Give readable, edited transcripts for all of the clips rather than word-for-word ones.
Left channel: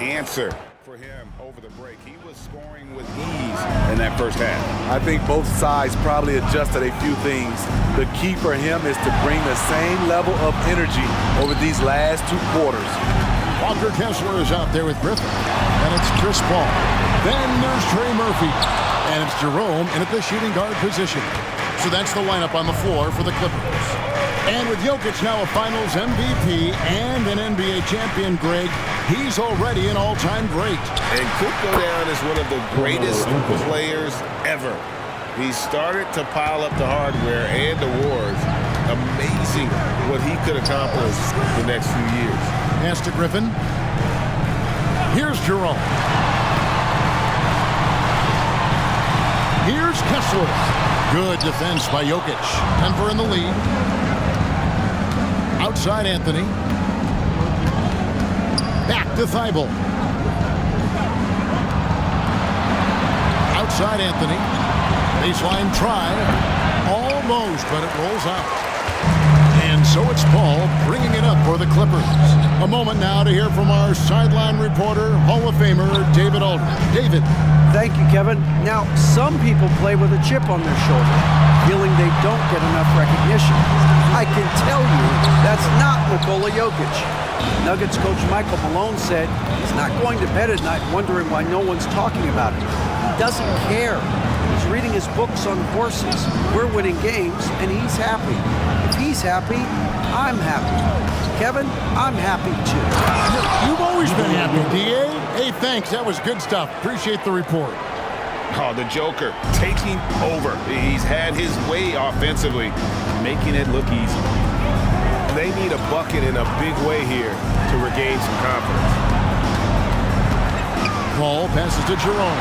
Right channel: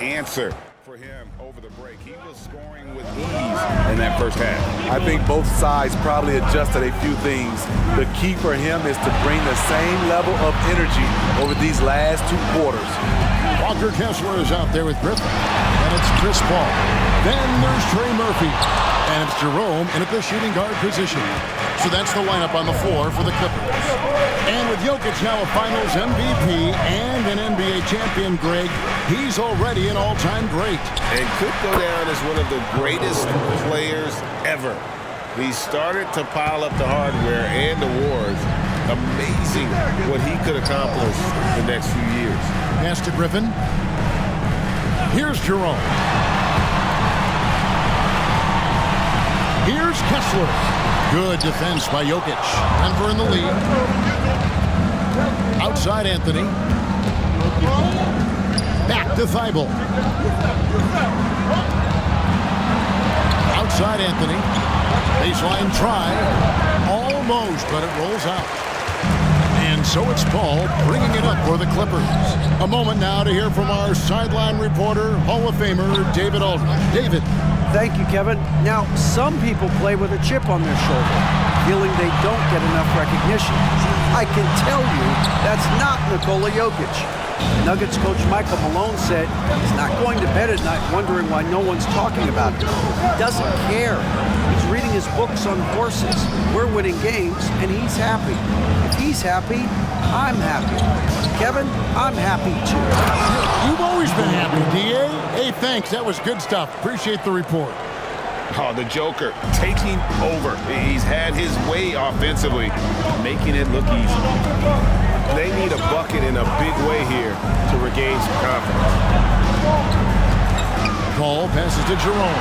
answer for him over the break. He was scoring with ease in that first half. I think both sides probably adjusted a few things. The key for him is to bring the same level of energy over these last 2 quarters. Walker Kessler is out there with Griffin. Then it's Chris Paul. Then there's Trey Murphy. And it's Jerome in at the shooting guard position. So that's the lineup on the floor for the Clippers. And with Jokic now a Finals MVP and an NBA champion, Greg, he's already an all-time great. And could go down as one of the greatest players ever. He started to pile up the hardware and awards. Amazing what he could accomplish the next few years. Pass to Griffin. Here's Jerome. Here's Kessler. Good defense by Jokic. Denver in the lead. Outside Anthony. Back to Thibault. Outside Anthony. Baseline try. Almost, but it rolls out. And so it's Paul bringing it up for the Clippers. A moment now to hear from our sideline reporter, Hall of Famer David Aldridge. David. Thank you, Kevin. Now, some people play with a chip on their shoulder, feeling they don't get enough recognition. I can tell you that's not Nikola Jokic. Nuggets coach Michael Malone said he's not going to bed at night wondering why no one's talking about him. He doesn't care. He's reading his books on horses. We're winning games, and he's happy. If he's happy, I'm happy. Kevin, I'm happy too. You've always been happy, D.A. Hey, thanks. That was good stuff. Appreciate the report. Oh, the Joker taking over. He's had his way offensively, making it look easy. They need a bucket in a big way here to regain some confidence. Paul passes to Jerome.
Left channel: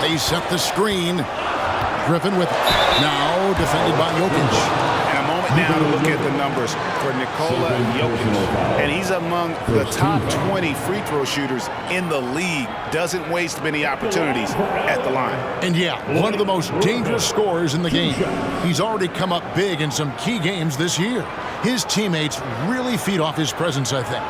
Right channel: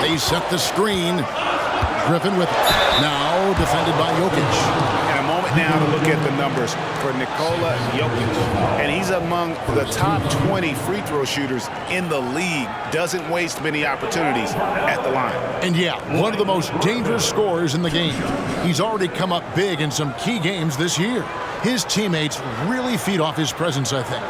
They set the screen. Griffin with it. Now defended by Jokic. And a moment now to look at the numbers for Nikola Jokic. And he's among the top 20 free throw shooters in the league. Doesn't waste many opportunities at the line. And yeah, one of the most dangerous scorers in the game. He's already come up big in some key games this year. His teammates really feed off his presence, I think.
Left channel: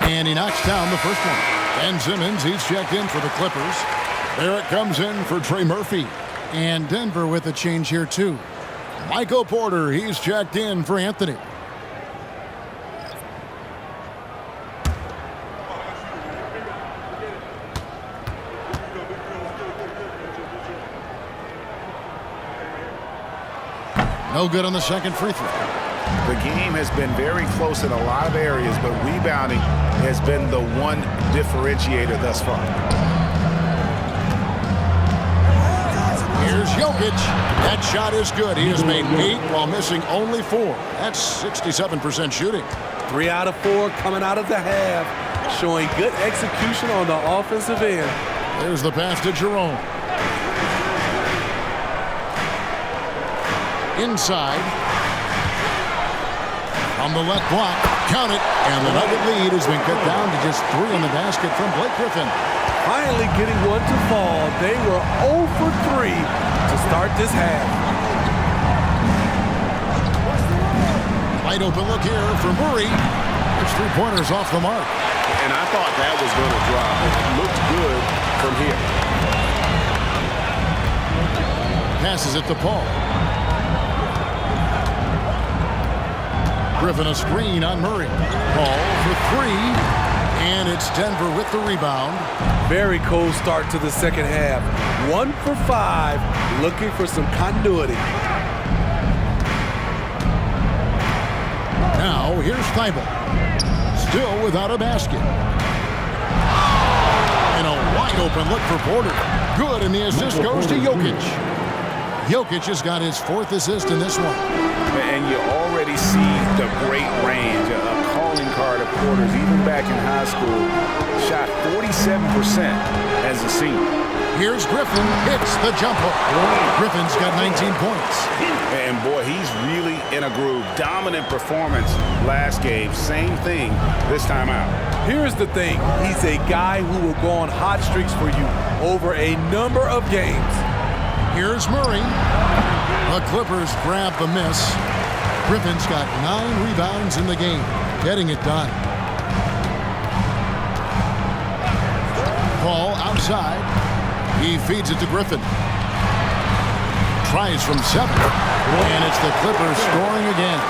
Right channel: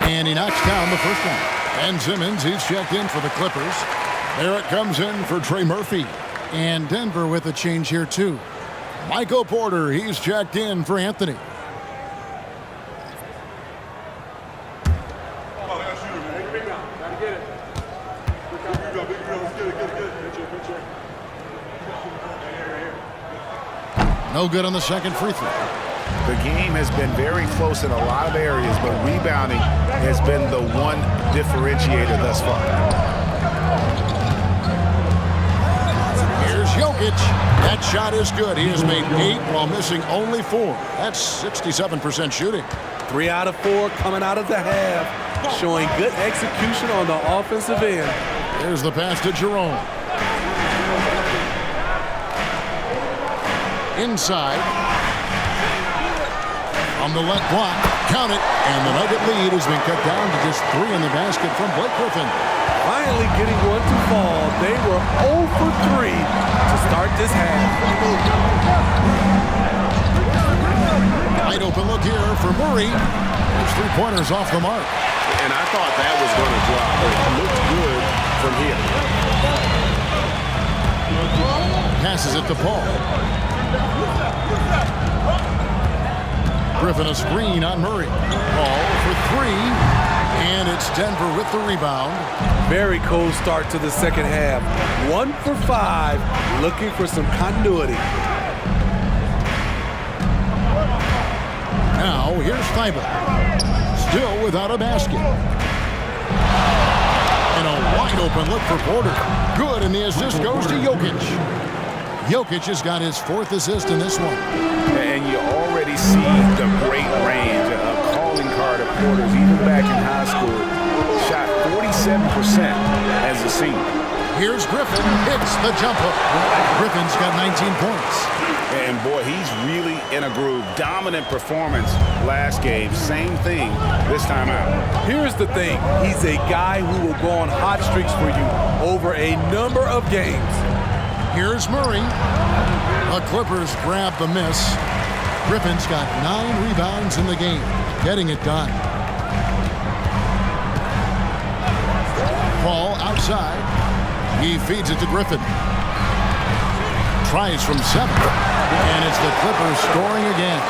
And he knocks down the first one. Ben Simmons, he's checked in for the Clippers. Barrett comes in for Trey Murphy. And Denver with a change here, too. Michael Porter, he's checked in for Anthony. No good on the second free throw. The game has been very close in a lot of areas, but rebounding has been the one differentiator thus far. Here's Jokic. That shot is good. He has made 8 while missing only 4. That's 67% shooting. 3 out of 4 coming out of the half, showing good execution on the offensive end. There's the pass to Jerome. Inside. On the left block, count it, and the Nugget lead has been cut down to just 3 in the basket from Blake Griffin. Finally getting one to fall. They were 0 for 3 to start this half. Wide open look here for Murray. His 3-pointers off the mark. And I thought that was going to drop. It looked good from here. Passes it to Paul. Griffin a screen on Murray. Paul for 3, and it's Denver with the rebound. Very cold start to the second half. 1 for 5, looking for some continuity. Now here's Thibault. Still without a basket. And a wide open look for Porter. Good, and the assist goes to Jokic. Jokic has got his 4th assist in this one. And you already see the great range, a calling card of Porter's. Even back in high school, shot 47% as a senior. Here's Griffin, hits the jumper. Griffin's got 19 points. And boy, he's really in a groove. Dominant performance last game. Same thing this time out. Here's the thing. He's a guy who will go on hot streaks for you over a number of games. Here's Murray. The Clippers grab the miss. Griffin's got 9 rebounds in the game, getting it done. Paul outside. He feeds it to Griffin. Tries from 7. And it's the Clippers scoring again.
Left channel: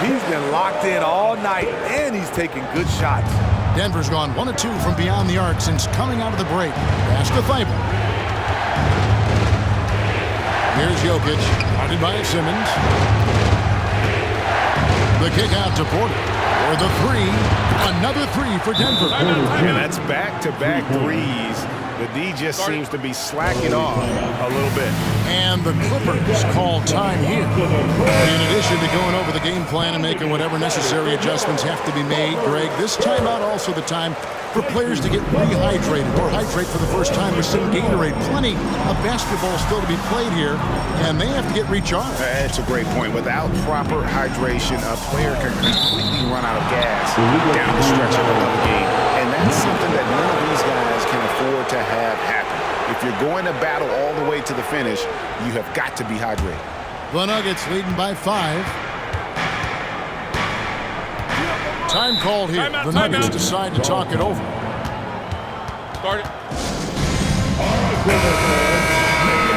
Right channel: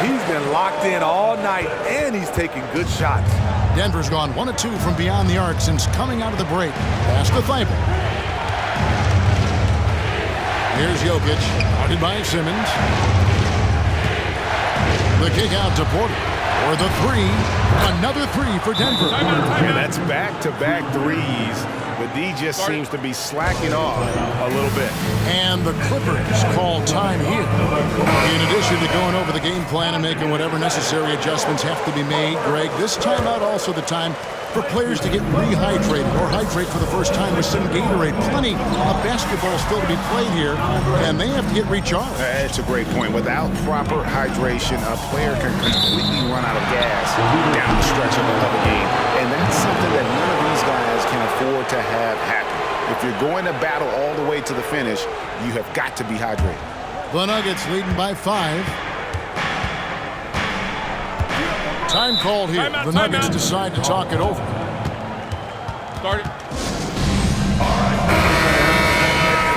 He's been locked in all night, and he's taking good shots. Denver's gone 1 of 2 from beyond the arc since coming out of the break. Pass to Thibault. Here's Jokic, guarded by Simmons. The kick out to Porter. For the 3. Another 3 for Denver. And that's back-to-back threes. The D just seems to be slacking off a little bit. And the Clippers call time here. In addition to going over the game plan and making whatever necessary adjustments have to be made, Greg, this timeout also the time for players to get rehydrated or hydrate for the first time with some Gatorade. Plenty of basketball still to be played here, and they have to get recharged. That's a great point. Without proper hydration, a player can completely run out of gas down the stretch of a game. And that's something that none of these guys can afford to have happen. If you're going to battle all the way to the finish, you have got to be hydrated. The Nuggets leading by 5. Time called here. The Nuggets decide to talk it over. Start it.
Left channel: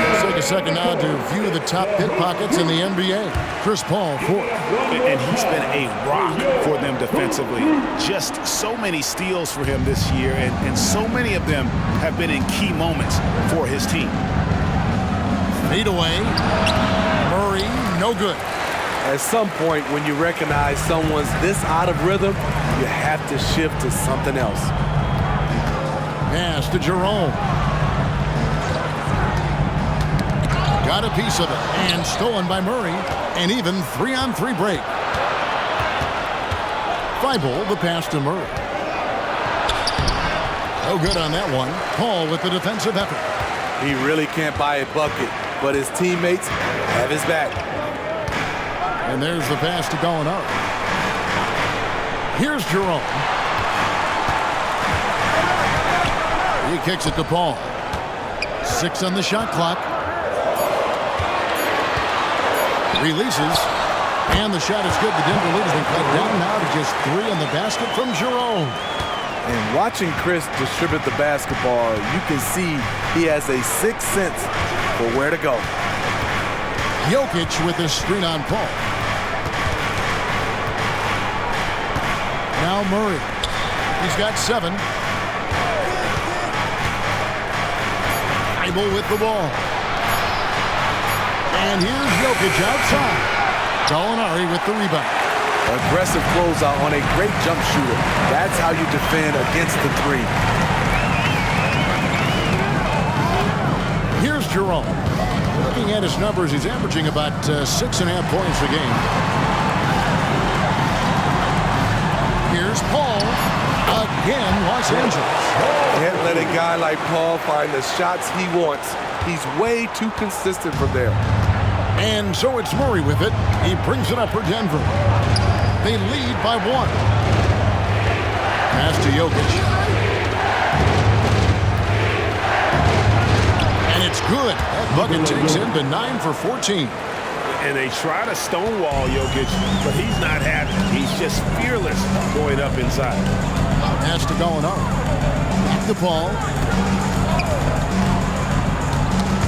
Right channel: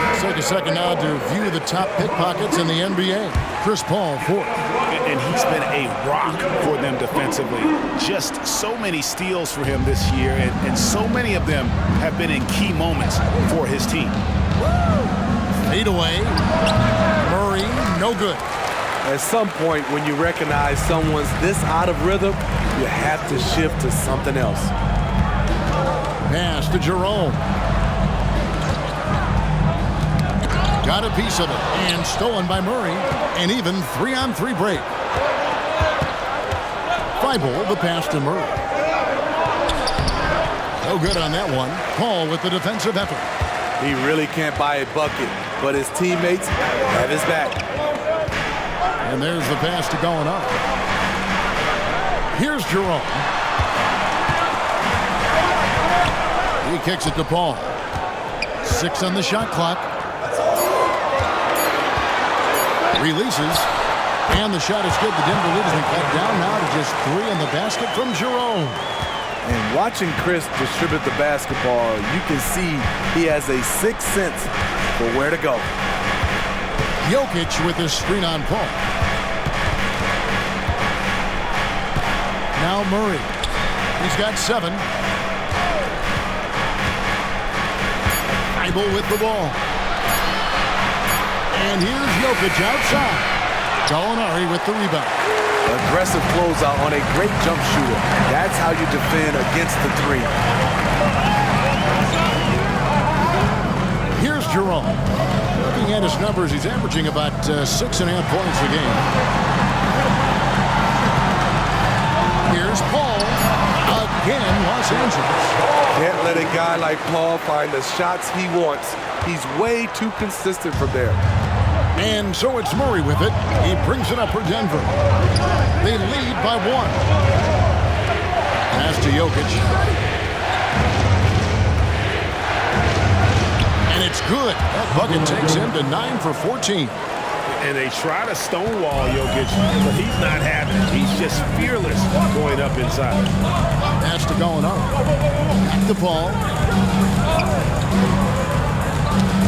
Let's take a second now to view the top pickpockets in the NBA. Chris Paul, 4th. And he's been a rock for them defensively. Just so many steals for him this year, and so many of them have been in key moments for his team. Fade away. Murray, no good. At some point, when you recognize someone's this out of rhythm, you have to shift to something else. Pass to Jerome. Got a piece of it, and stolen by Murray. An even 3-on-3 break. Thibault, the pass to Murray. No good on that one. Paul with the defensive effort. He really can't buy a bucket, but his teammates have his back. And there's the pass to Gallinari. Here's Jerome. He kicks it to Paul. 6 on the shot clock. Releases. And the shot is good. The Denver lead has been cut down now to just 3 on the basket from Jerome. And watching Chris distribute the basketball, you can see he has a sixth sense for where to go. Jokic with his screen on Paul. Now Murray. He's got 7. Thibault with the ball. And here's Jokic outside. Gallinari with the rebound. Aggressive closeout on a great jump shooter. That's how you defend against the 3. Here's Jerome. Looking at his numbers, he's averaging about 6.5 points a game. Here's Paul. Again, Los Angeles. Can't let a guy like Paul find the shots he wants. He's way too consistent from there. And so it's Murray with it. He brings it up for Denver. They lead by 1. Pass to Jokic. And it's good. That bucket takes him to 9 for 14. And they try to stonewall Jokic, but he's not having it. He's just fearless going up inside. Pass to Gallinari. Back to Paul.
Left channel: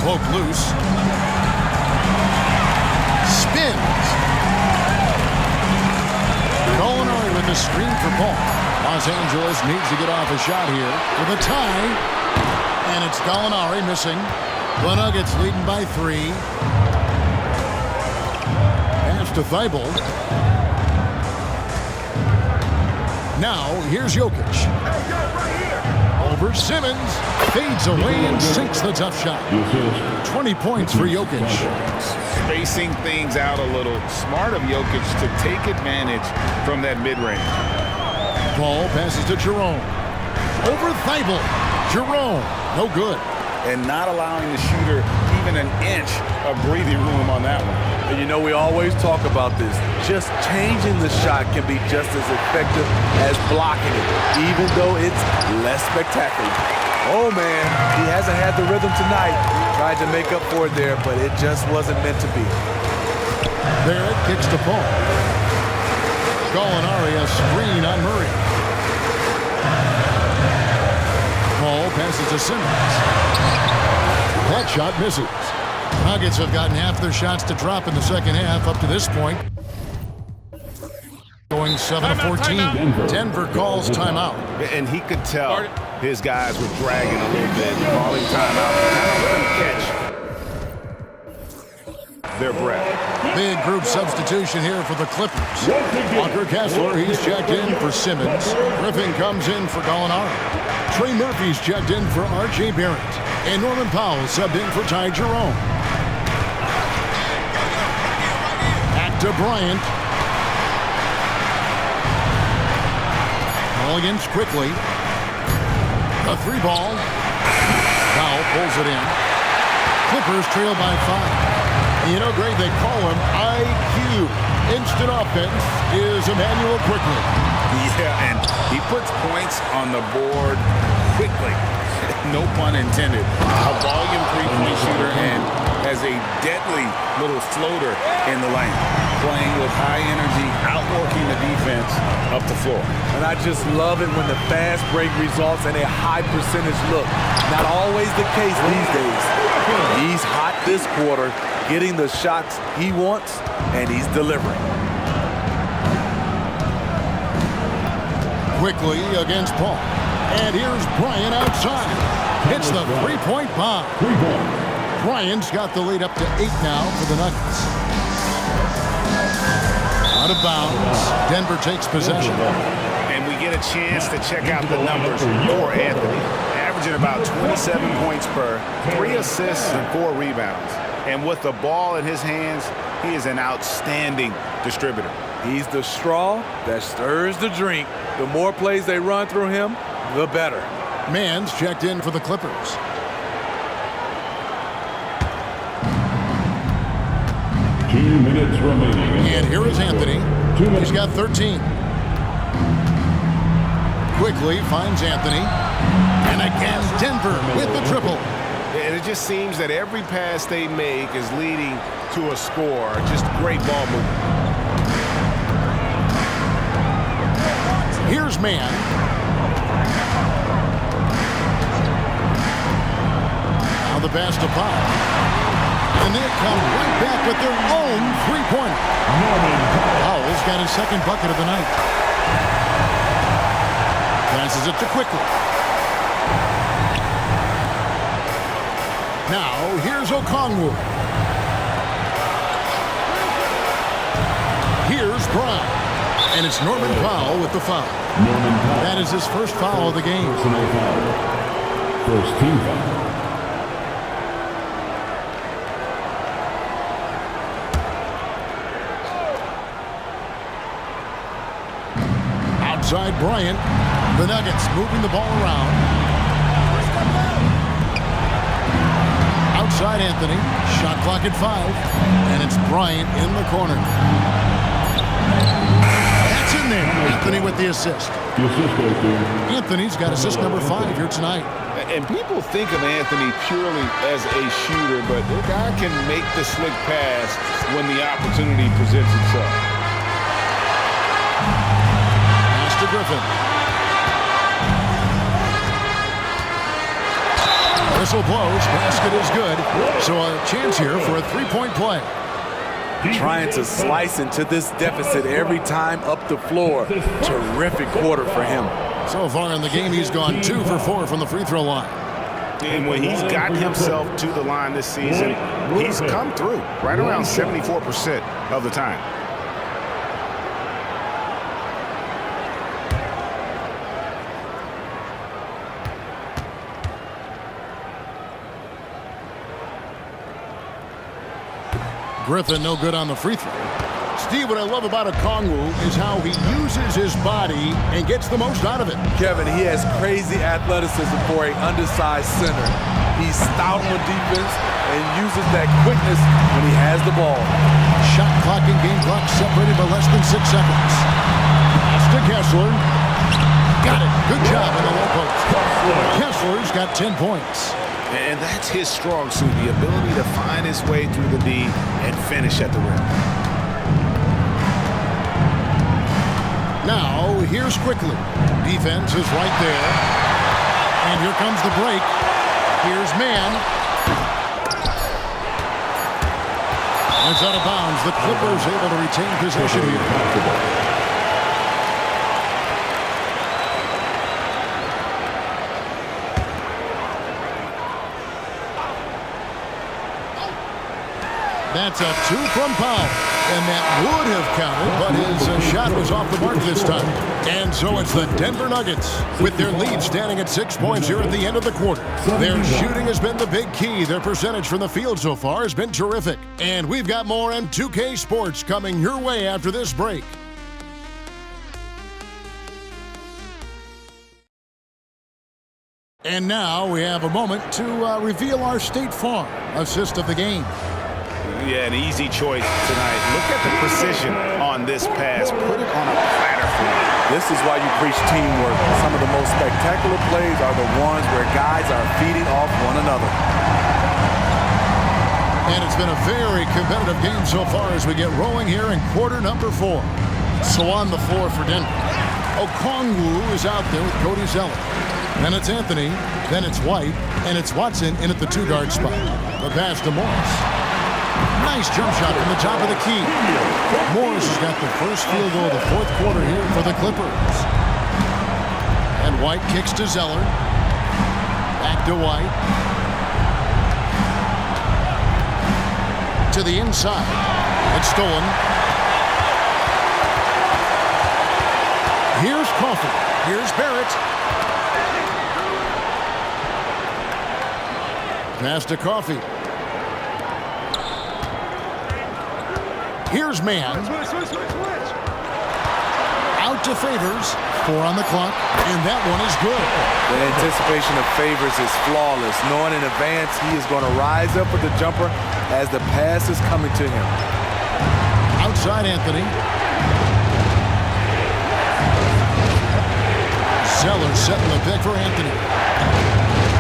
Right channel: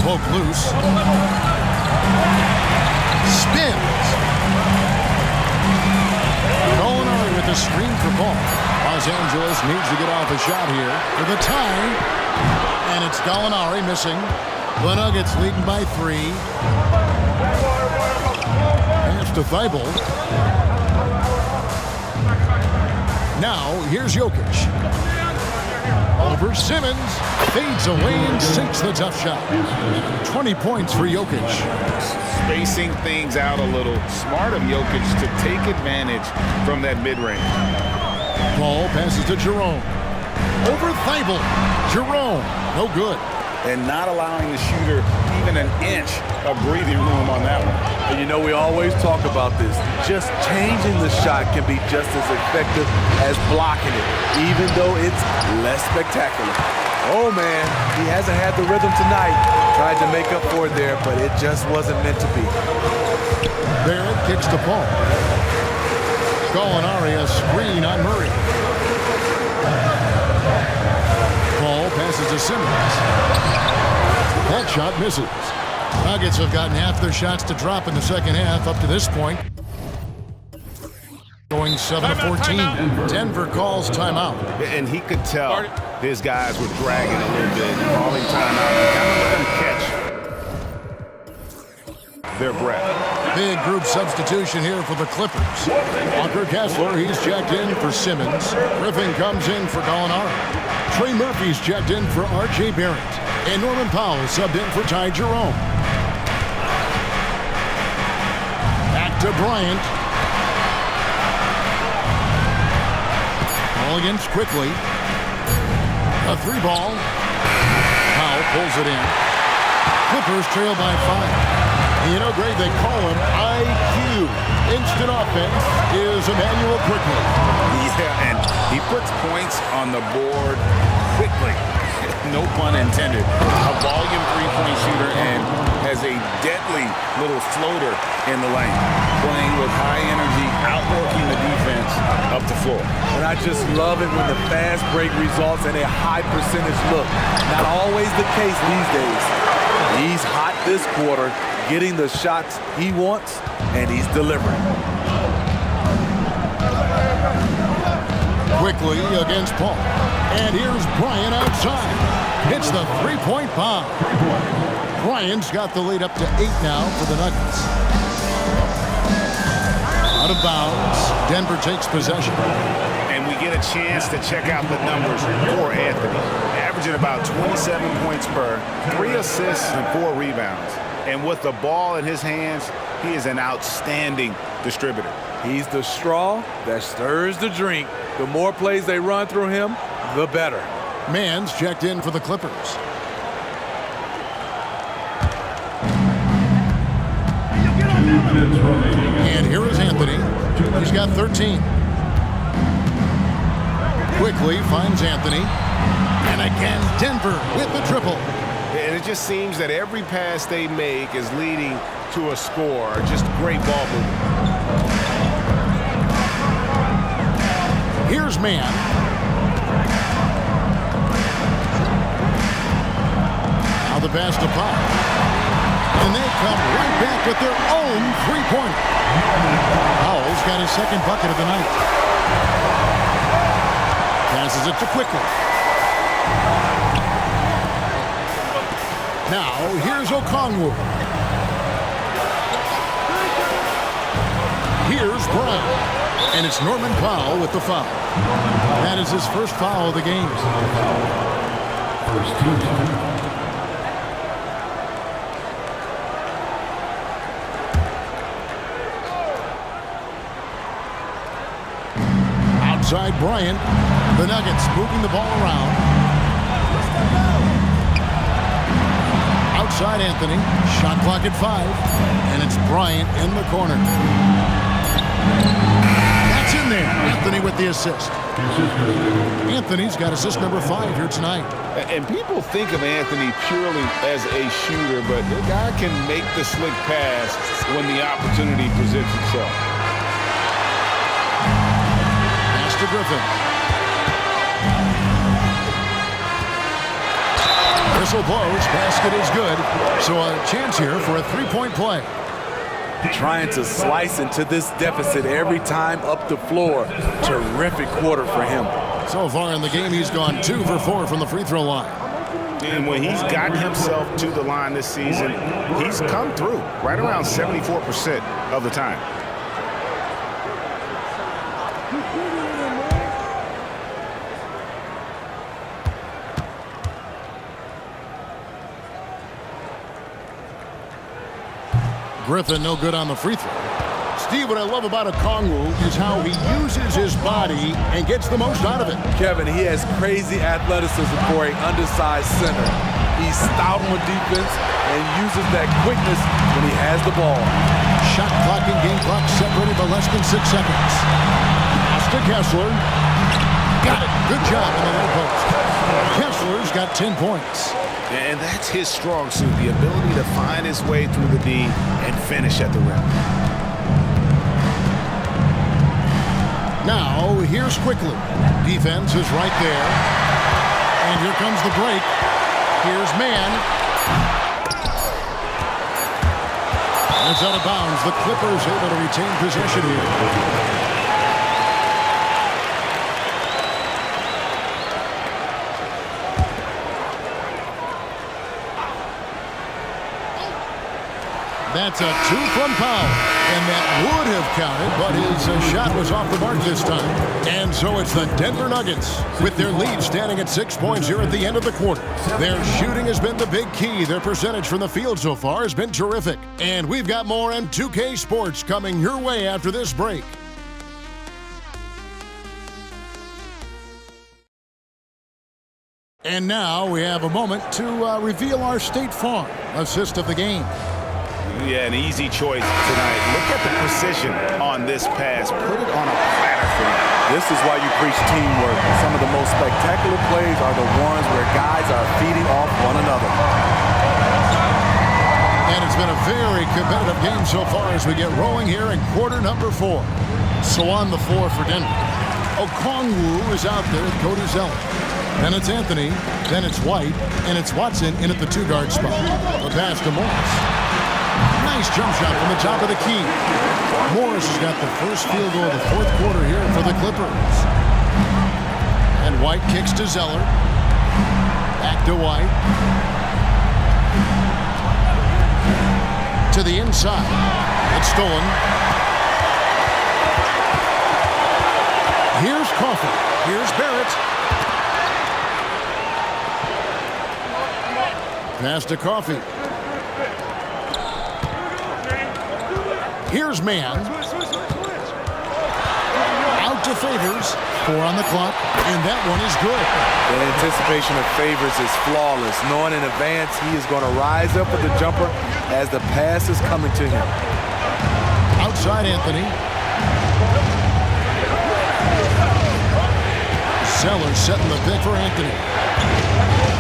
Poke loose. Spins. Gallinari with the screen for Paul. Los Angeles needs to get off a shot here for the tie. And it's Gallinari missing. The Nuggets leading by 3. Pass to Thibault. Now here's Jokic. Over Simmons. Fades away and sinks the tough shot. 20 points for Jokic. Spacing things out a little. Smart of Jokic to take advantage from that mid-range. Paul passes to Jerome. Over Thibault. Jerome. No good. and not allowing the shooter even an inch of breathing room on that one. And you know, we always talk about this. Just changing the shot can be just as effective as blocking it, even though it's less spectacular. Oh, man, he hasn't had the rhythm tonight. Tried to make up for it there, but it just wasn't meant to be. Barrett kicks to Paul. Gallinari a screen on Murray. Paul passes to Simmons. That shot misses. Nuggets have gotten half their shots to drop in the second half up to this point. Going 7-14. Denver calls timeout. And he could tell his guys were dragging a little bit, calling timeout to kind of let them catch their breath. Big group substitution here for the Clippers. Walker Kessler, he's checked in for Simmons. Griffin comes in for Gallinari. Trey Murphy's checked in for R.J. Barrett. And Norman Powell subbed in for Ty Jerome. Back to Bryant. Mulligan's quickly. A 3-ball. Powell pulls it in. Clippers trail by 5. And you know, Greg, they call him IQ. Instant offense is Emmanuel quickly. Yeah, and he puts points on the board quickly. No pun intended. A volume three-point shooter and has a deadly little floater in the lane. Playing with high energy, outworking the defense up the floor. And I just love it when the fast break results in a high percentage look. Not always the case these days. He's hot this quarter, getting the shots he wants, and he's delivering. Quickly against Paul. And here's Bryant outside. Hits the three-point bomb. Bryant's got the lead up to 8 now for the Nuggets. Out of bounds. Denver takes possession. And we get a chance to check out the numbers for Anthony. Averaging about 27 points per, 3 assists and 4 rebounds. And with the ball in his hands, he is an outstanding distributor. He's the straw that stirs the drink. The more plays they run through him, the better. Mann's checked in for the Clippers. And here is Anthony. He's got 13. Quickly finds Anthony. And again, Denver with the triple. And it just seems that every pass they make is leading to a score. Just great ball movement. Here's Mann. Now the pass to Powell. And they come right back with their own three-pointer. Powell's got his second bucket of the night. Passes it to Quickly. Now, here's Okongwu. Here's Brown. And it's Norman Powell with the foul. That is his first foul of the game. First team foul. Outside Bryant. The Nuggets moving the ball around. Outside Anthony. Shot clock at 5. And it's Bryant in the corner. That's in there. Anthony with the assist. Anthony's got assist number 5 here tonight. And people think of Anthony purely as a shooter, but the guy can make the slick pass when the opportunity presents itself. Pass to Griffin. Whistle blows. Basket is good. So a chance here for a three-point play. Trying to slice into this deficit every time up the floor. Terrific quarter for him. So far in the game, he's gone 2 for 4 from the free throw line. And when he's gotten himself to the line this season, he's come through right around 74% of the time. Griffin no good on the free throw. Steve, what I love about Okongwu is how he uses his body and gets the most out of it. Kevin, he has crazy athleticism for an undersized center. He's stout on defense and uses that quickness when he has the ball. Shot clock and game clock separated by less than 6 seconds. Pass to Kessler. Got it. Good job in the low post. Kessler's got 10 points. And that's his strong suit, the ability to find his way through the D and finish at the rim. Now, here's quickly. Defense is right there. And here comes the break. Here's man. And it's out of bounds. The Clippers able to retain possession here. That's a 2 from Powell, and that would have counted, but his shot was off the mark this time. And so it's the Denver Nuggets with their lead standing at 6 points here at the end of the quarter. Their shooting has been the big key. Their percentage from the field so far has been terrific. And we've got more on 2K Sports coming your way after this break. And now we have a moment to reveal our State Farm assist of the game. Yeah, an easy choice tonight. Look at the precision on this pass. Put it on a platter for him. This is why you preach teamwork. Some of the most spectacular plays are the ones where guys are feeding off one another. And it's been a very competitive game so far as we get rolling here in quarter number 4. So on the floor for Denver, Okongwu is out there with Cody Zeller. Then it's Anthony, then it's White, and it's Watson in at the 2-guard spot. The pass to Morris. Nice jump shot from the top of the key. Morris has got the first field goal of the 4th quarter here for the Clippers. And White kicks to Zeller. Back to White. To the inside. It's stolen. Here's Coffey. Here's Barrett. Pass to Coffey. Here's man. Out to Favors. 4 on the clock, and that one is good. The anticipation of Favors is flawless. Knowing in advance he is going to rise up with the jumper as the pass is coming to him. Outside Anthony. Zeller setting the pick for Anthony.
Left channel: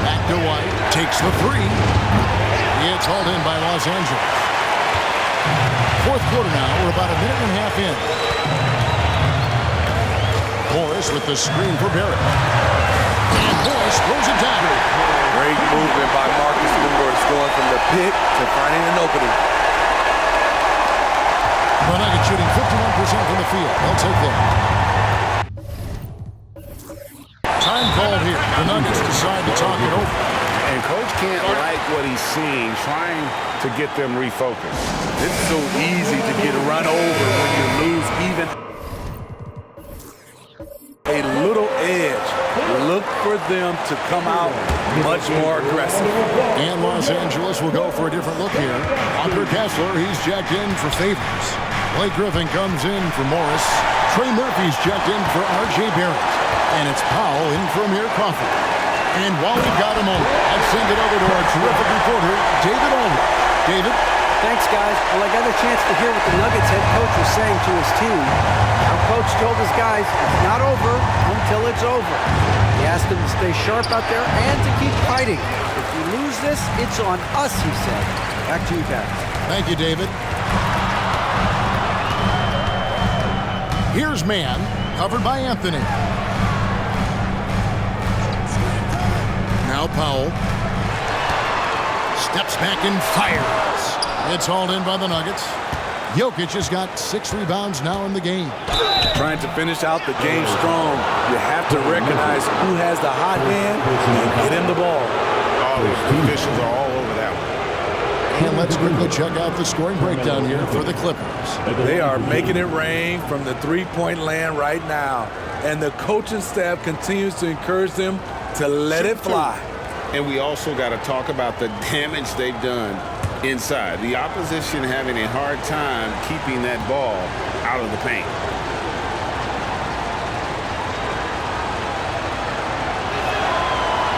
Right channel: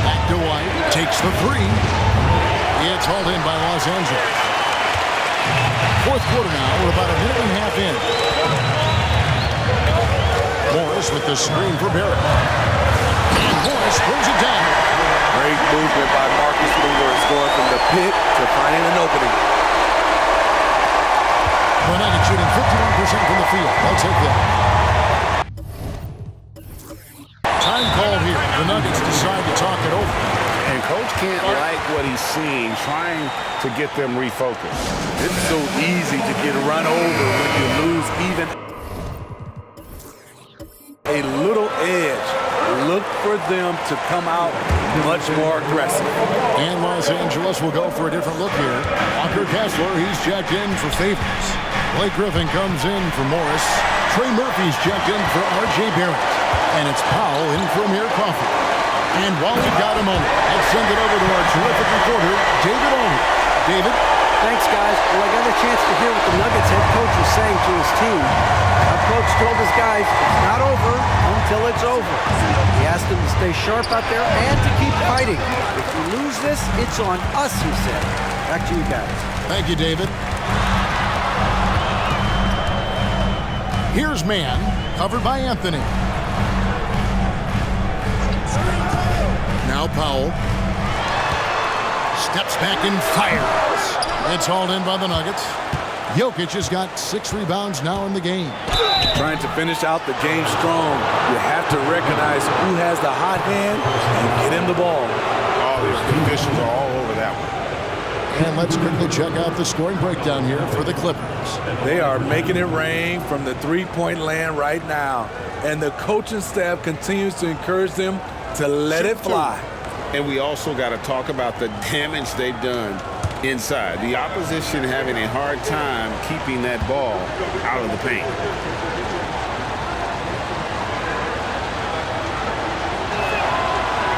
Back to White. Takes the 3. It's hauled in by Los Angeles. 4th quarter now. We're about a minute and a half in. Morris with the screen for Barrett. And Morris throws it down. Great movement by Marcus Morris, going from the pick to finding an opening. The Nuggets shooting 51% from the field. They'll take that. Time called here. The Nuggets decide to talk it over. And Coach can't like what he's seeing, trying to get them refocused. It's so easy to get run over when you lose even a little edge. Look for them to come out much more aggressive. And Los Angeles will go for a different look here. Walker Kessler, he's checked in for Favors. Blake Griffin comes in for Morris. Trey Murphy's checked in for R.J. Barrett. And it's Powell in for Amir Coffey. And while we've got a moment, let's send it over to our terrific reporter, David Aldridge. David? Thanks, guys. Well, I got a chance to hear what the Nuggets head coach was saying to his team. Now, coach told his guys, it's not over until it's over. He asked them to stay sharp out there and to keep fighting. If we lose this, it's on us, he said. Back to you guys. Thank you, David. Here's man, covered by Anthony. Now Powell. Steps back and fires. It's hauled in by the Nuggets. Jokic has got 6 rebounds now in the game. Trying to finish out the game strong, you have to recognize who has the hot hand and get him the ball. Oh, the officials are all over that one. And let's quickly check out the scoring breakdown here for the Clippers. They are making it rain from the three-point land right now. And the coaching staff continues to encourage them to let it fly. And we also got to talk about the damage they've done inside. The opposition having a hard time keeping that ball out of the paint.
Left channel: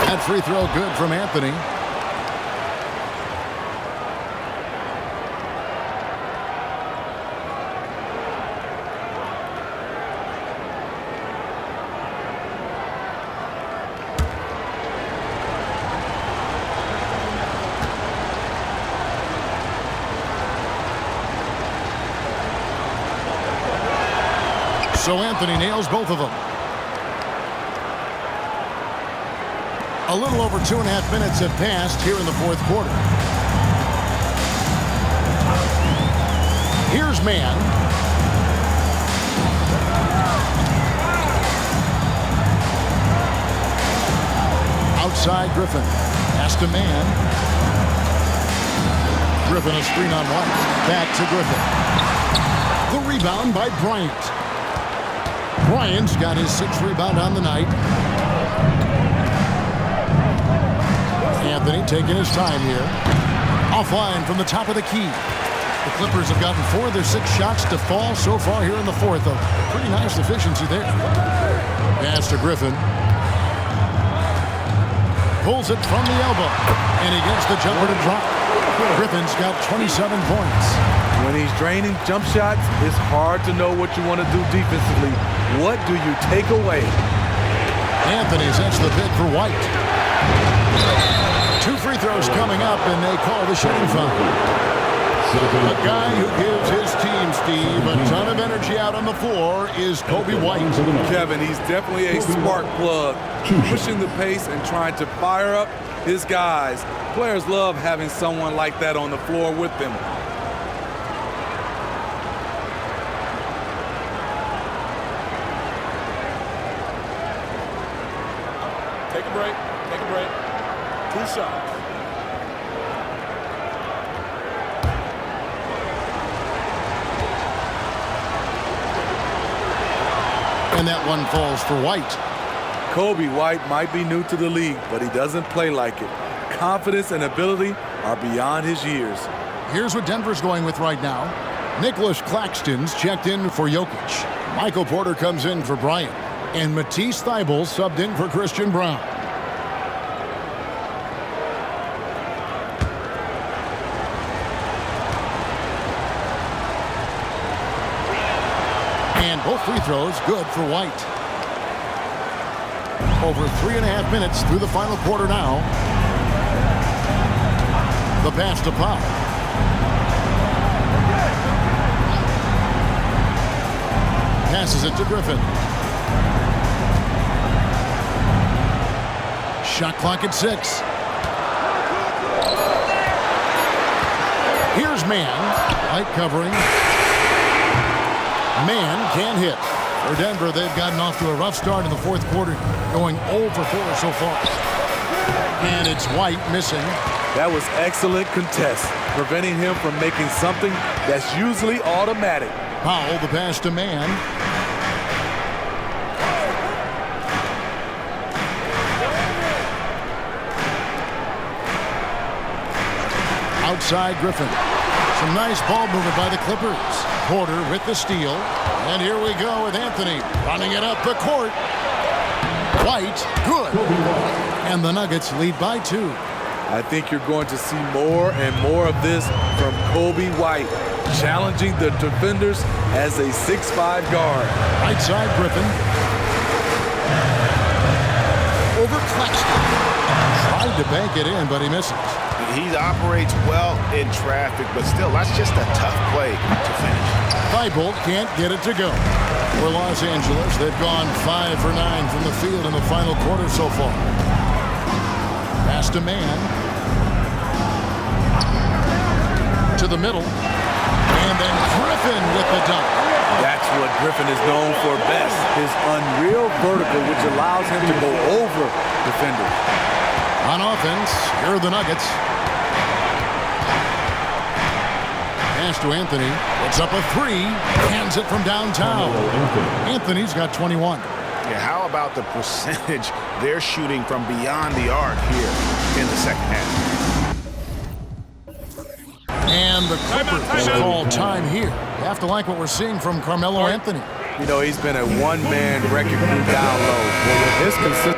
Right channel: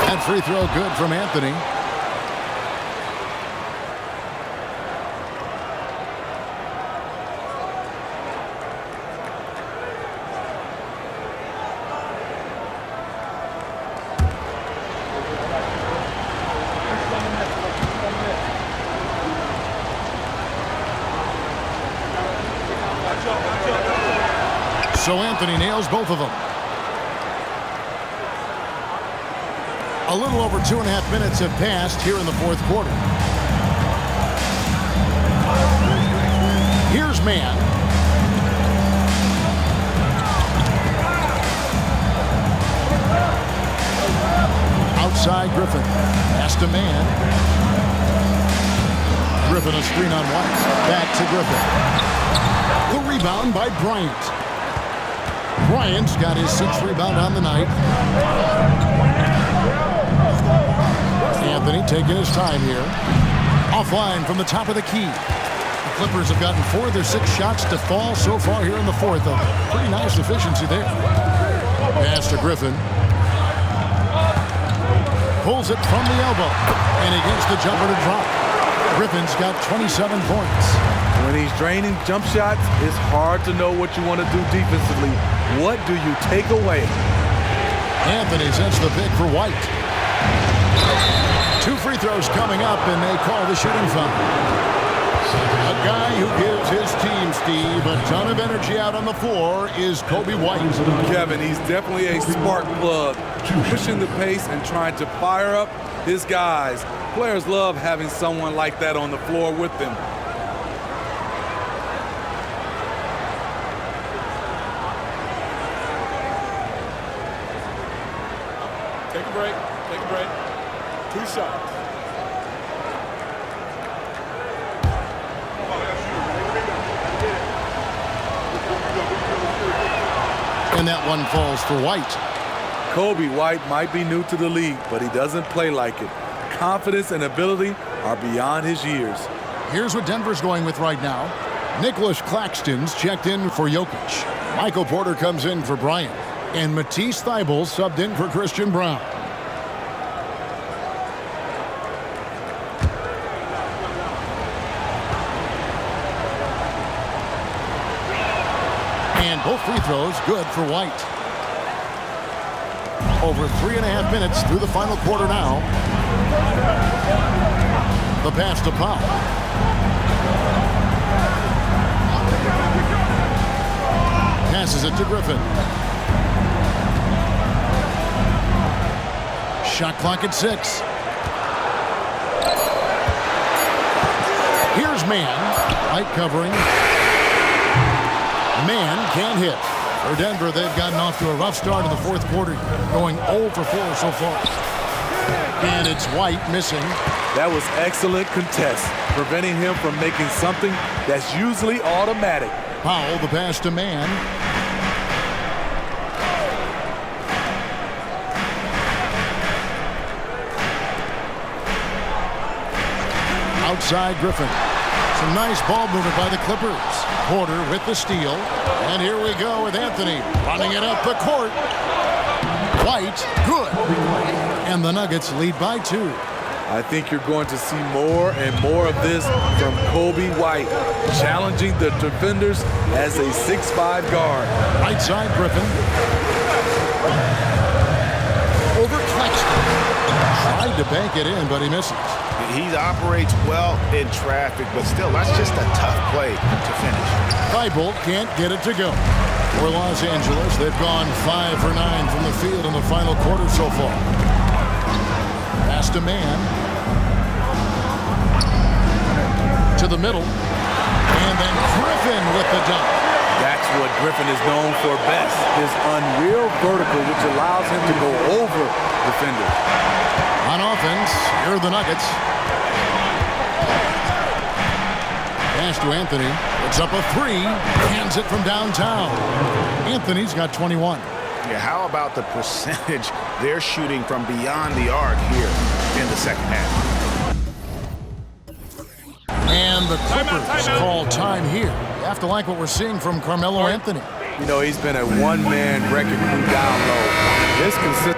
That free throw good from Anthony. So Anthony nails both of them. A little over 2.5 minutes have passed here in the fourth quarter. Here's man. Outside Griffin. Pass to man. Griffin a screen on White. Back to Griffin. The rebound by Bryant. Bryant's got his 6th rebound on the night. Anthony taking his time here. Offline from the top of the key. The Clippers have gotten 4 of their 6 shots to fall so far here in the fourth. A pretty nice efficiency there. Pass to Griffin. Pulls it from the elbow. And he gets the jumper to drop. Griffin's got 27 points. When he's draining jump shots, it's hard to know what you want to do defensively. What do you take away? Anthony sets the pick for White. 2 free throws coming up, and they call the shooting foul. A guy who gives his team, Steve, a ton of energy out on the floor is Kobe White. Kevin, he's definitely a spark plug, pushing the pace and trying to fire up his guys. Players love having someone like that on the floor with them. Take a break. Take a break. 2 shots. And that one falls for White. Kobe White might be new to the league, but he doesn't play like it. Confidence and ability are beyond his years. Here's what Denver's going with right now. Nicholas Claxton's checked in for Jokic. Michael Porter comes in for Bryant. And Matisse Thybulle subbed in for Christian Brown. And both free throws good for White. Over 3.5 minutes through the final quarter now. The pass to Powell. Passes it to Griffin. Shot clock at 6. Here's Man. White covering. Man can't hit. For Denver, they've gotten off to a rough start in the fourth quarter, going 0 for 4 so far. And it's White missing. That was excellent contest, preventing him from making something that's usually automatic. Powell, the pass to Man. Outside Griffin. Some nice ball movement by the Clippers. Porter with the steal. And here we go with Anthony running it up the court. White, good. And the Nuggets lead by 2. I think you're going to see more and more of this from Kobe White, challenging the defenders as a 6'5" guard. Right side Griffin. Over Claxton. Tried to bank it in, but he misses. He operates well in traffic, but still, that's just a tough play to finish. Thybulle can't get it to go. For Los Angeles, they've gone 5 for 9 from the field in the final quarter so far. Pass to Man. To the middle. And then Griffin with the dunk. That's what Griffin is known for best, his unreal vertical, which allows him to go over defenders. On offense, here are the Nuggets. Pass to Anthony. Puts up a 3. Hands it from downtown. Anthony's got 21. Yeah, how about the percentage they're shooting from beyond the arc here in the second half? And the Clippers call time here. You have to like what we're seeing from Carmelo Anthony. You know, he's been a one-man wrecking crew down low. His consistent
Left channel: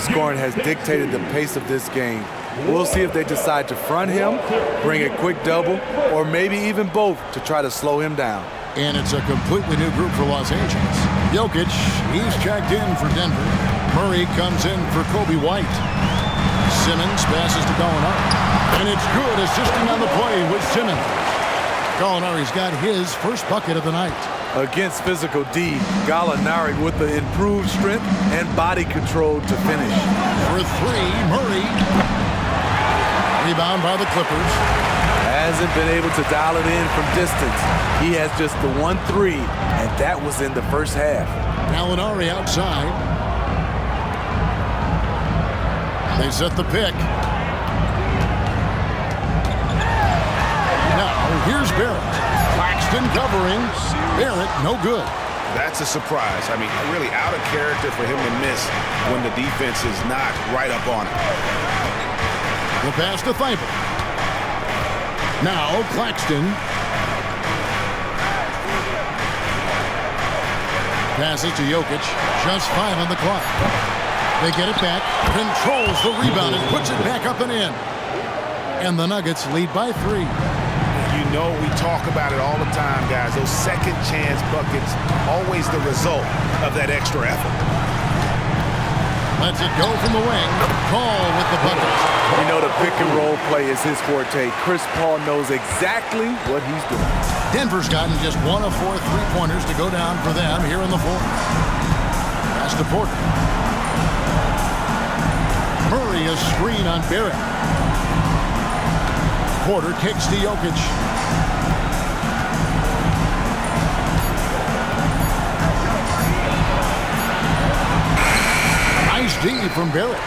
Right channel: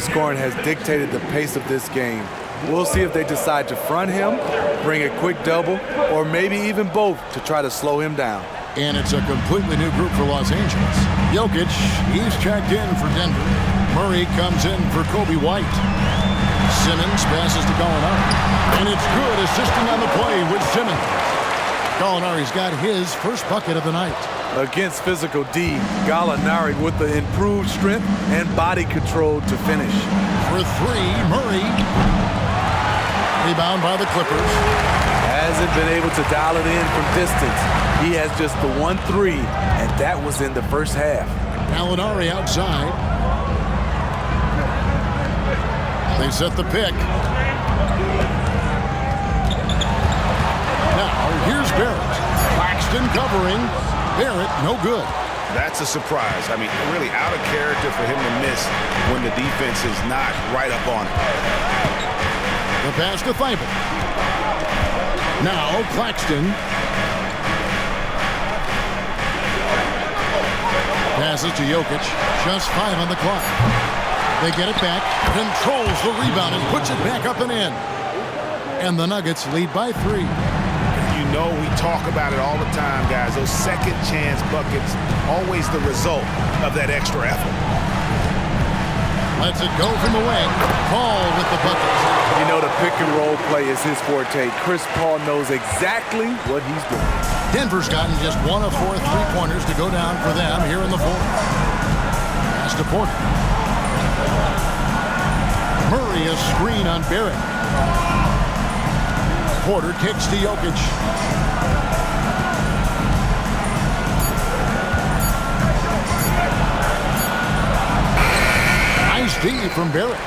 scoring has dictated the pace of this game. We'll see if they decide to front him, bring a quick double, or maybe even both to try to slow him down. And it's a completely new group for Los Angeles. Jokic, he's checked in for Denver. Murray comes in for Kobe White. Simmons passes to Gallinari. And it's good, assisting on the play with Simmons. Gallinari's got his first bucket of the night. Against physical D, Gallinari with the improved strength and body control to finish. For three, Murray. Rebound by the Clippers. Hasn't been able to dial it in from distance. He has just the 1-3, and that was in the first half. Gallinari outside. They set the pick. Now, here's Barrett. Claxton covering. Barrett, no good. That's a surprise. I mean, really out of character for him to miss when the defense is not right up on it. The pass to Thibault. Now, Claxton. Passes to Jokic. Just 5 on the clock. They get it back. Controls the rebound and puts it back up and in. And the Nuggets lead by 3. You know, we talk about it all the time, guys. Those second chance buckets, always the result of that extra effort. Lets it go from the wing. Paul with the bucket. You know, the pick and roll play is his forte. Chris Paul knows exactly what he's doing. Denver's gotten just 1 of 4 3-pointers to go down for them here in the fourth. Pass to Porter. Murray a screen on Barrett. Porter kicks to Jokic. Nice D from Barrett.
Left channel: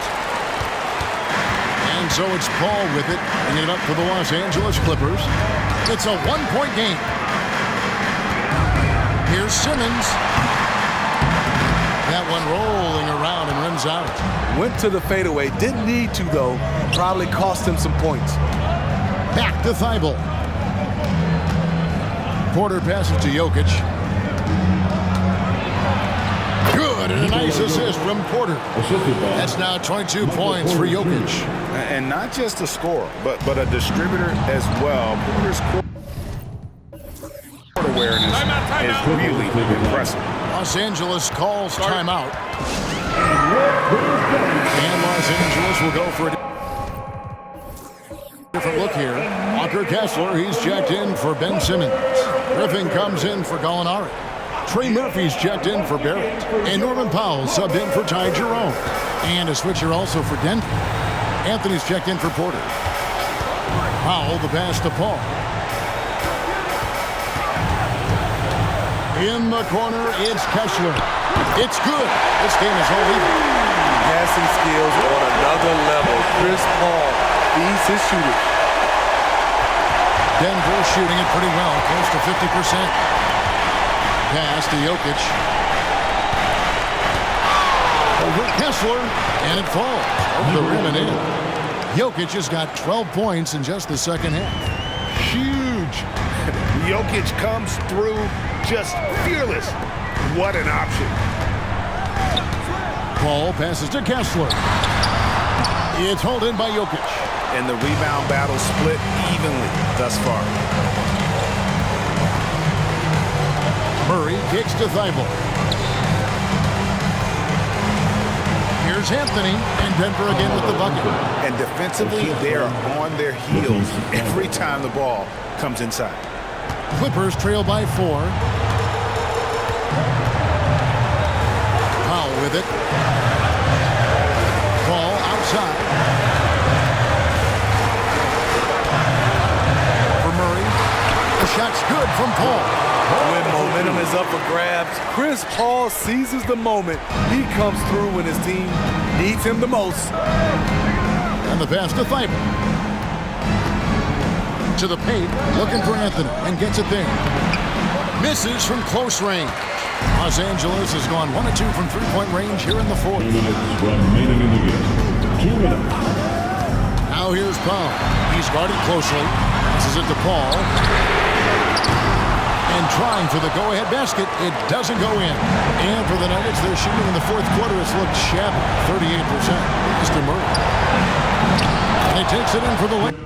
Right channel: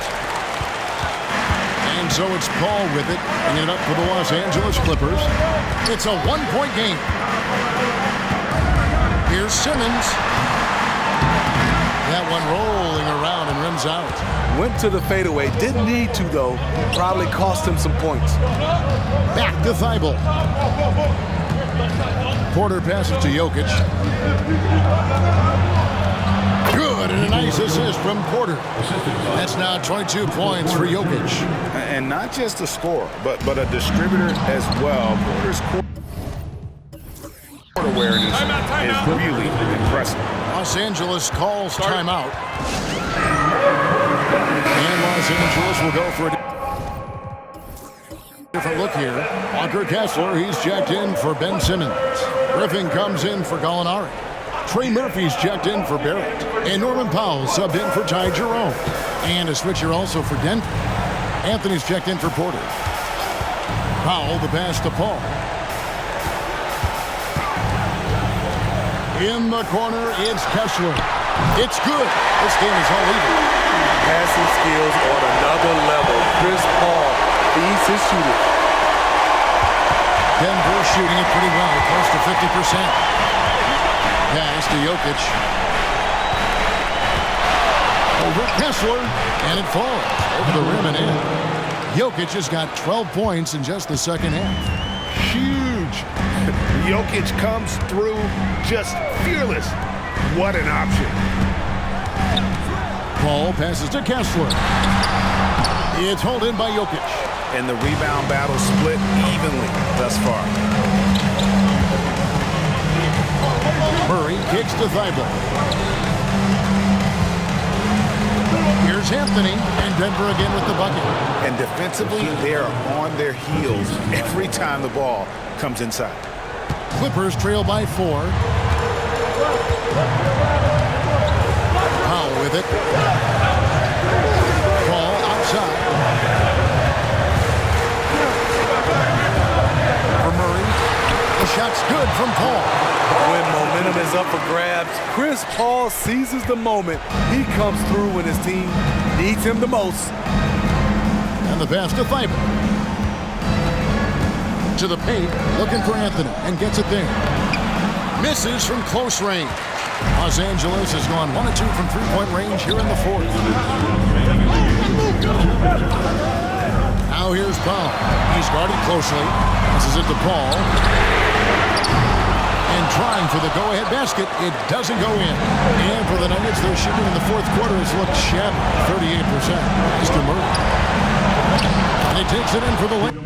And so it's Paul with it, bringing it up for the Los Angeles Clippers. It's a 1-point game. Here's Simmons. That one rolling around and rims out. Went to the fadeaway. Didn't need to, though. Probably cost him some points. Back to Thibault. Porter passes to Jokic. Good, and a nice assist from Porter. That's now 22 points for Jokic. And not just a scorer, but a distributor as well. Porter's court awareness is really impressive. Los Angeles calls timeout. And Los Angeles will go for a different look here. Walker Kessler, he's checked in for Ben Simmons. Griffin comes in for Gallinari. Trey Murphy's checked in for Barrett. And Norman Powell subbed in for Ty Jerome. And a switcher also for Denver. Anthony's checked in for Porter. Powell, the pass to Paul. In the corner, it's Kessler. It's good. This game is all even. Passing skills on another level. Chris Paul feeds his shooters. Denver shooting it pretty well, close to 50%. Pass to Jokic. Over Kessler, and it falls over the rim and in. Jokic has got 12 points in just the second half. Huge. Jokic comes through just fearless. What an option. Paul passes to Kessler. It's hauled in by Jokic. And the rebound battle split evenly thus far. Murray kicks to Thibault. Here's Anthony, and Denver again with the bucket. And defensively, they are on their heels every time the ball comes inside. Clippers trail by 4. Powell with it. Paul outside. For Murray. The shot's good from Paul. When momentum is up for grabs, Chris Paul seizes the moment. He comes through when his team needs him the most. And the pass to Thibault. To the paint, looking for Anthony, and gets it there. Misses from close range. Los Angeles has gone 1 of 2 from 3-point range here in the fourth. Now here's Powell. He's guarded closely. Passes it to Paul. And trying for the go-ahead basket. It doesn't go in. And for the Nuggets, their shooting in the fourth quarter has looked shabby. 38%. Pass to Murray. And he takes it in for the layup.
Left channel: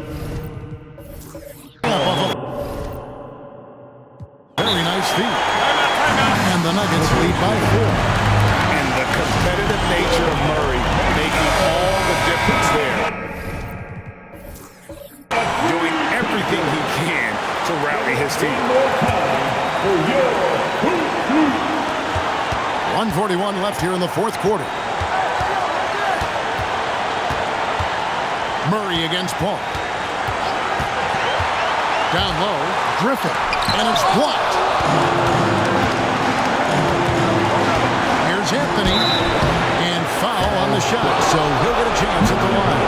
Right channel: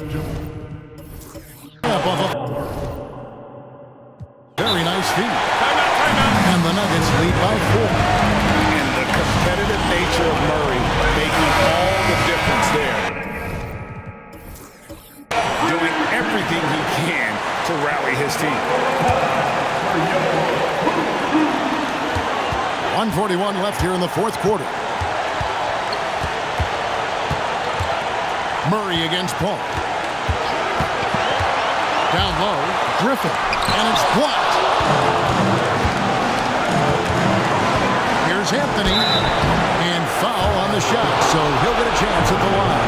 Very nice feed. Timeout. And the Nuggets lead by 4. And the competitive nature of Murray making all the difference there. Doing everything he can to rally his team. 1:41 left here in the fourth quarter. Murray against Paul. Down low, Griffin, and it's blocked. Here's Anthony, and foul on the shot, so he'll get a chance at the line.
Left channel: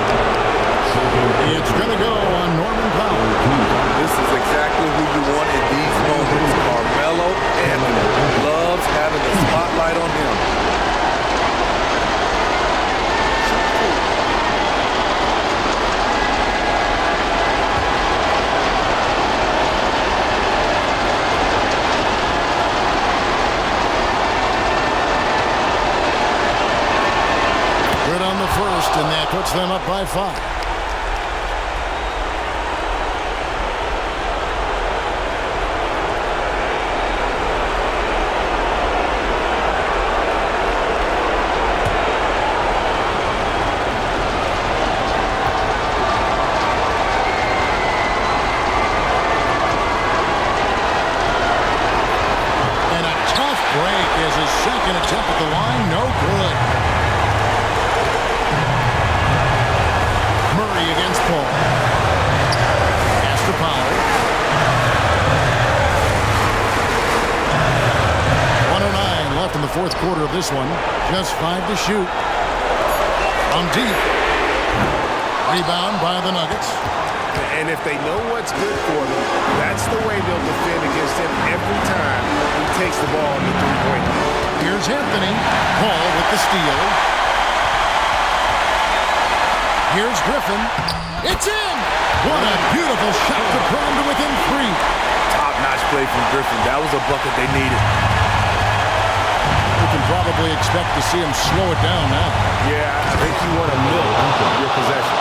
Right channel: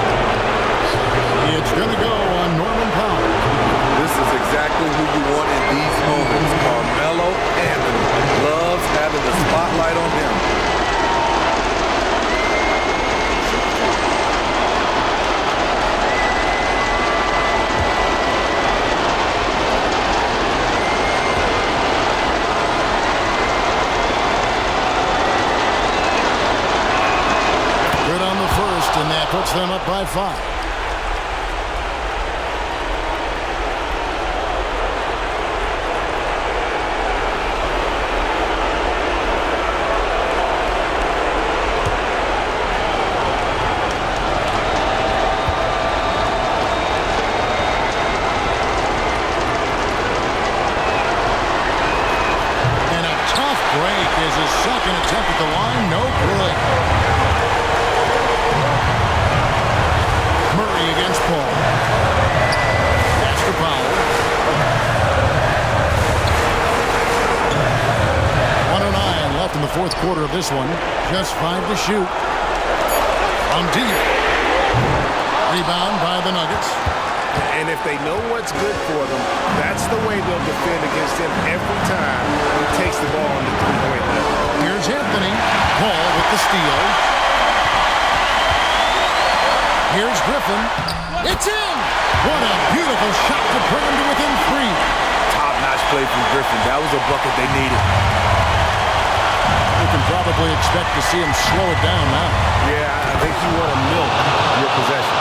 It's going to go on Norman Powell. This is exactly who you want in these moments. Carmelo Anthony loves having the spotlight on him. Good on the first, and that puts them up by 5. And a tough break as his second attempt at the line, no good. Murray against Paul. Pass to Powell. 1:09 left in the fourth quarter of this one. Just 5 to shoot. From deep. Rebound by the Nuggets. And if they know what's good for them, that's the way they'll defend against him every time he takes the ball in the three-point line. Here's Anthony. Paul with the steal. Here's Griffin. It's in! What a beautiful shot to bring him to within 3. Top-notch play from Griffin. That was a bucket they needed. We can probably expect to see him slow it down now. Yeah, I think you want to milk your possession.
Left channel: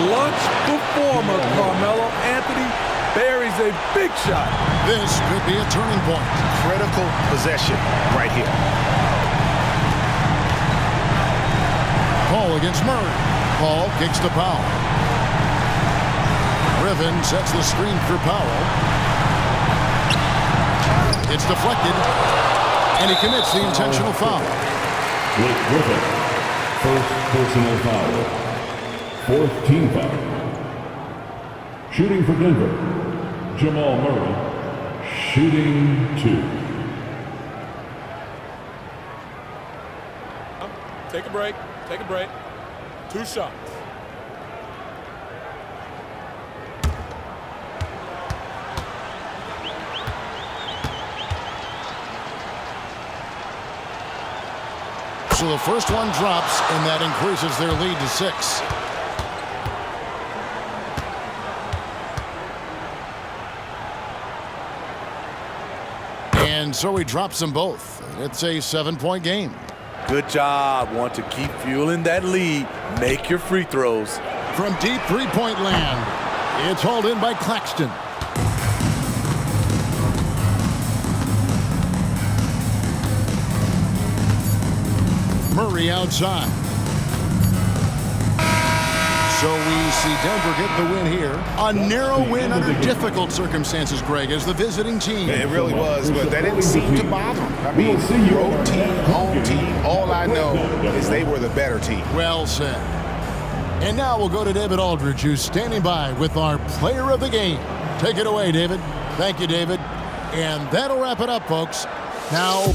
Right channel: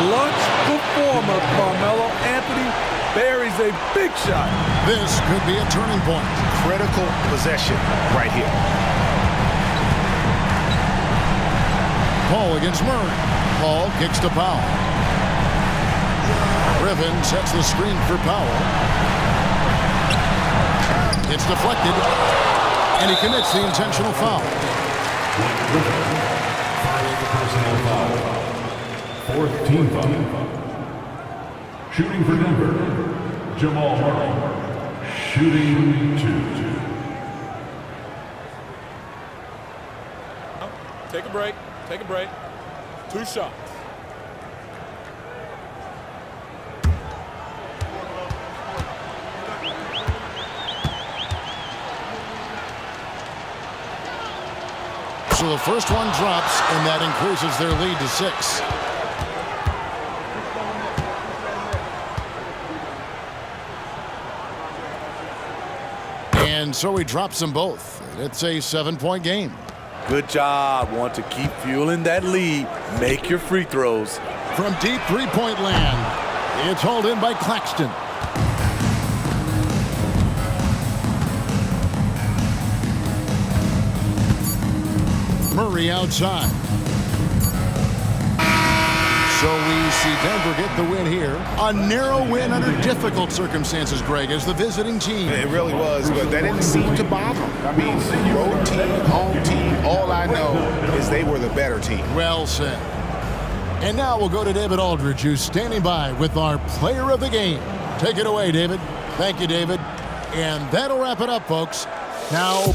Clutch performer Carmelo Anthony buries a big shot. This could be a turning point. Critical possession right here. Paul against Murray. Paul kicks to Powell. Griffin sets the screen for Powell. It's deflected, and he commits the intentional foul. Blake Griffin, first personal foul. 4th team foul. Shooting for Denver, Jamal Murray. Shooting 2. Take a break. Take a break. 2 shots. So the first one drops, and that increases their lead to 6. And so he drops them both. It's a 7-point game. Good job. Want to keep fueling that lead. Make your free throws. From deep three-point land, it's hauled in by Claxton. Murray outside. So we see Denver get the win here. A narrow win under difficult circumstances, Greg, as the visiting team. It really was, but that didn't seem to bother them. I mean, road team, home team, all I know is they were the better team. Well said. And now we'll go to David Aldridge, who's standing by with our player of the game. Take it away, David. Thank you, David. And that'll wrap it up, folks. Now,